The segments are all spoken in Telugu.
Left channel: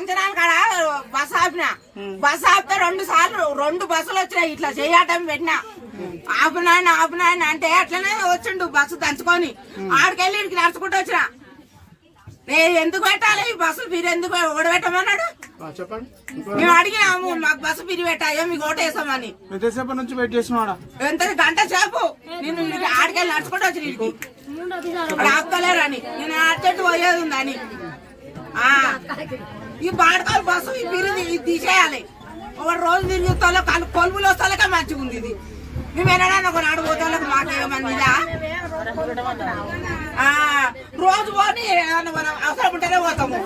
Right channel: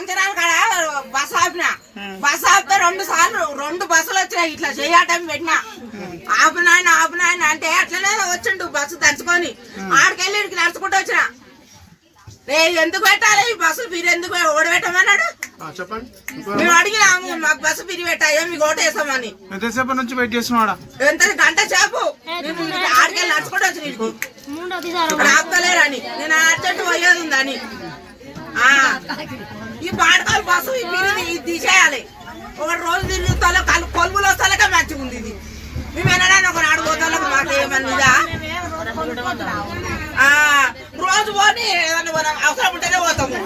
ఫంక్షన్ కాడ బస్ ఆపిన బస్ ఆపితే 2 సార్లు 2 బస్సులు వచ్చినాయి ఇట్లా చేయటం పెట్టినా ఆపునాయన అంటే అట్లనే వచ్చిండు బస్సు దంచుకొని ఆడికెళ్ళి ఇడికి నడుచుకుంటూ వచ్చిన ఎందుకు పెట్టాలి ఈ బస్సు మీరు ఎందుకు ఓడబెట్టమన్నాడు మేము అడిగినాము మాకు బస్సు పిరి పెట్టాయో మీకు ఓటేసామని ఎంతసేపు నుంచి వెయిట్ చేస్తున్నాడా ఎంత గంట సేపు నేను ఆడికెళ్ళి నడుచుకుంటూ వచ్చి ఆపుతలేరు అని నేను అర్జెంట్ పోయేది ఉందని ఈ బాడకాలు బస్సు ఈ పిరిది ఇది తీసేయాలి ఒక రోజు తిరిగి కొలుపులు వస్తాలకే మంచిగా ఉంది ఇది మేము ఎన్నడా ఒక నాడు పోతాలకు మాకేమన్నా రోజు పోని ఏదన్నా అవసరం ఉంటేనే పోతాము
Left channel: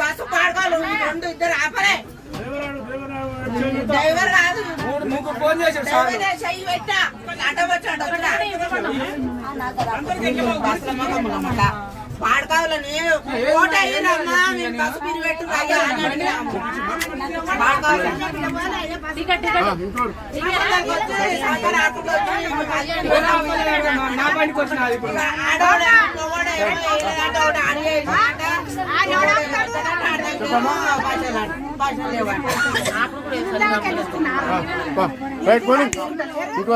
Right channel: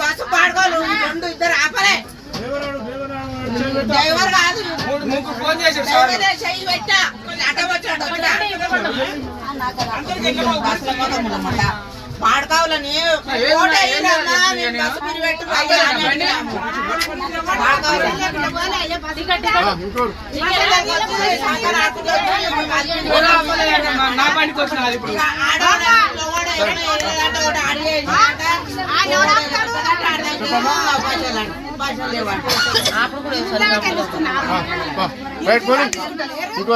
బస్సు పాడుకోవాలి 2 ఇద్దరు ఆపలే డ్రైవర్ కాదు చెయ్యి పెట్టా అడ్డ వచ్చాడు పాడకావులని బస్సు పిరి పెట్టు ఇంకో